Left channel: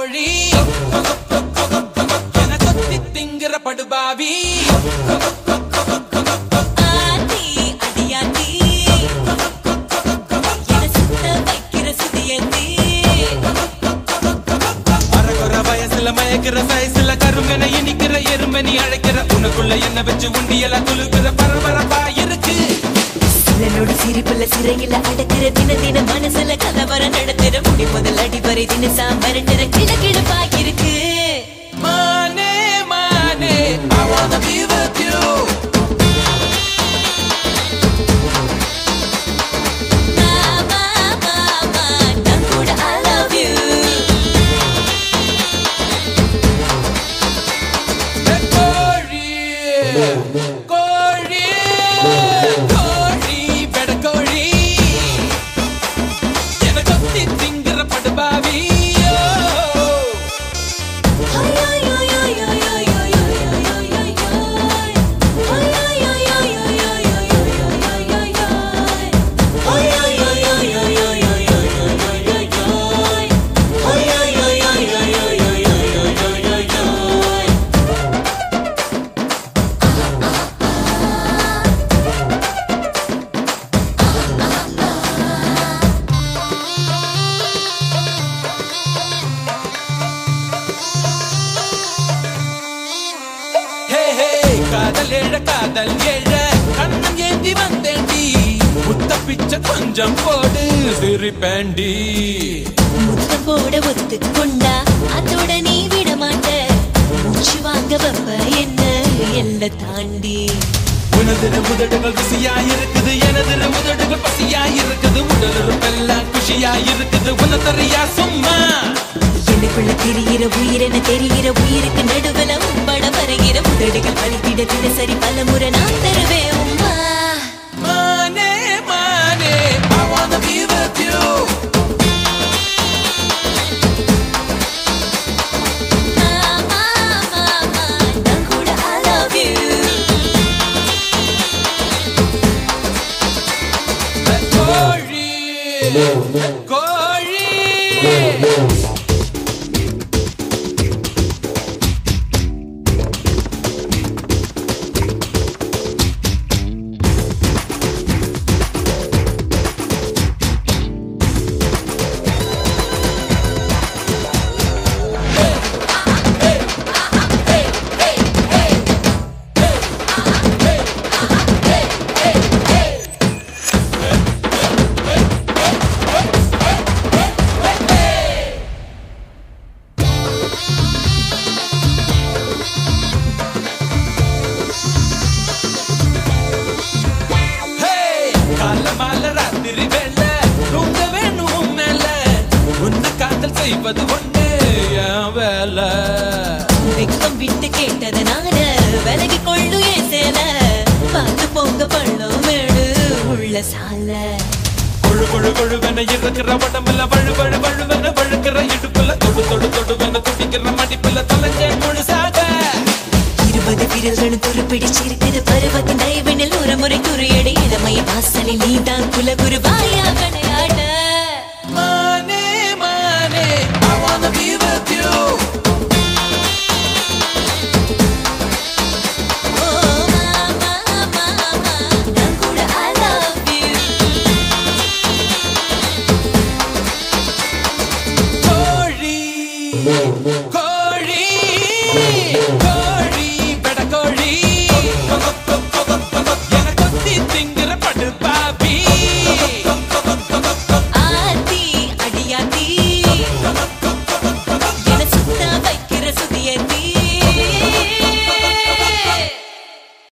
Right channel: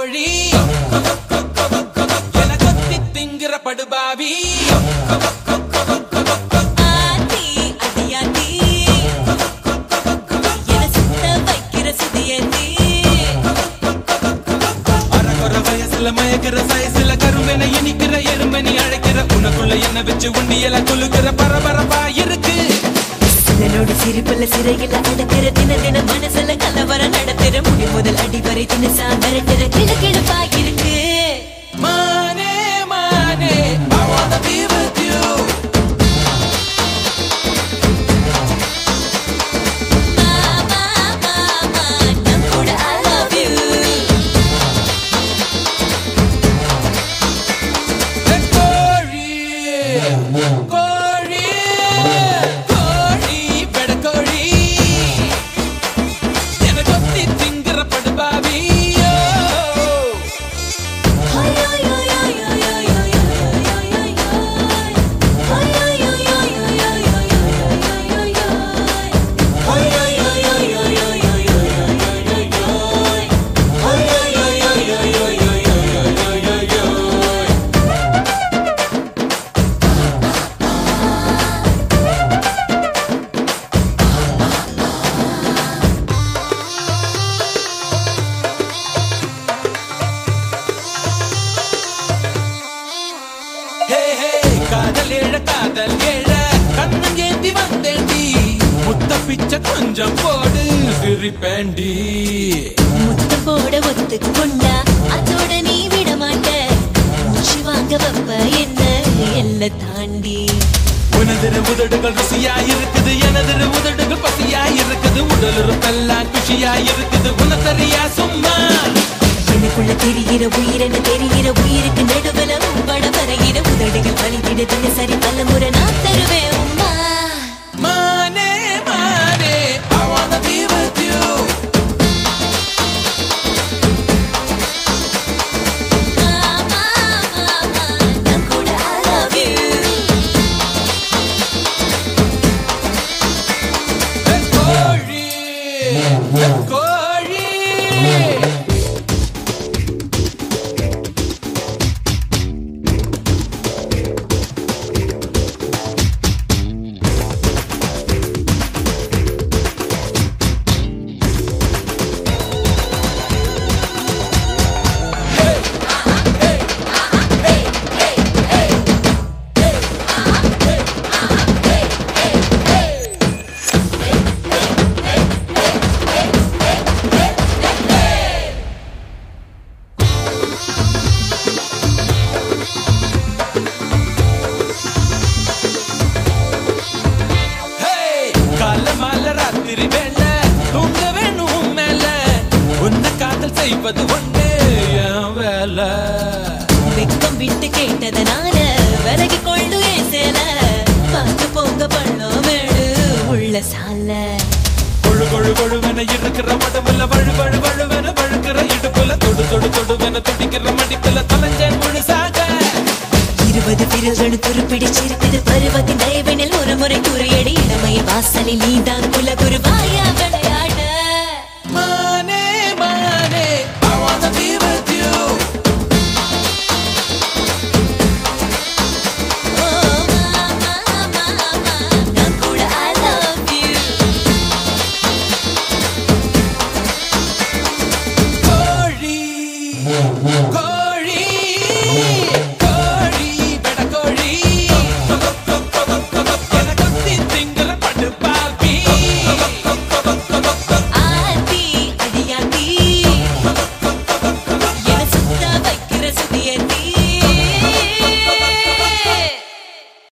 கோழி என கொத்தி திங்கிற படுபாவி ஆத்தி அடியாத்தி என சுத்த வைக்கிற சுதியத்தி அரகுற வயசுல மயக்கிற சயசுல கருமென இனிக்கிற எருமெனி அழைக்கிற உனக்குள்ள என்ன வச்சு உண்டியல குலுக்கிற பரபரப்பா இருக்கு சிலனோட சிரிப்புல சிறையில அடக்கிற தின தின மனசுல கலவர நடத்துற முடி முதல் அடிவரை தினசா மிரட்டுற கிழக்கிழப்பா இருக்கு மானே மானே I wanna be with you மாமா மாமா நான் கூட I love you கோழி கோழி கோழி பெட கோழி என கொத்தி திங்கிற படுபாவி காதல் ஏழ கண்ணம் ஏந்தி வந்தேண்டி முத்த பிச்சை கொஞ்சம் போடு சிரிப்பேண்டி முத்த போட ஒத்துக்கொண்டா அதோட நீ விட மாட்ட மூச்சு வாங்க வப்ப என்ன எல்ல தாண்டி உனதிர உதடுகள் ருசியா இருக்குது எனதிர உதடுகள் பசியா இருக்குது உடலுறுப்பெல்லாம் குஷியா இருக்குது உனதறியா சும்மா எனக்குள்ள தெரிகிற உயிரென தெரிகிற உயிருக்கு நடுவுல உம்பட வருகிற உதடுகள் வலித்திட தினசரி பல முறை நான் தருவேன் உம்மா மானே மானே I wanna be with you மாமா மாமா நான் கூட I love you கோழி கோழி காலமால ராத்திரி வேள தூங்க வேணும் மேல உன்னை காதல் செய்வது ஒன்று என் வேலை வெக்கம் விட்டு கேட்டதனால விலகி கொள்ளு ஏன் சேல பார்த்து பொங்க பள்ளம் மேடு உள்ள சால கொழு கொழு கொழுவென இருக்கிற உடம்புல வழு வழு வழுவென வழுக்கிற இடுப்புல தொடு தொடு தொடுவென துடிக்கிற மடிப்புல தொலைஞ்ச முழுசாக 20 விரல்களும் துருப்பிடிச்சிருக்கிற பருவத்தின் தயவினில் ஒரு முறை துறையடி இளமைய வாசலில் நீதான் குலகுருவாயா விளையாடு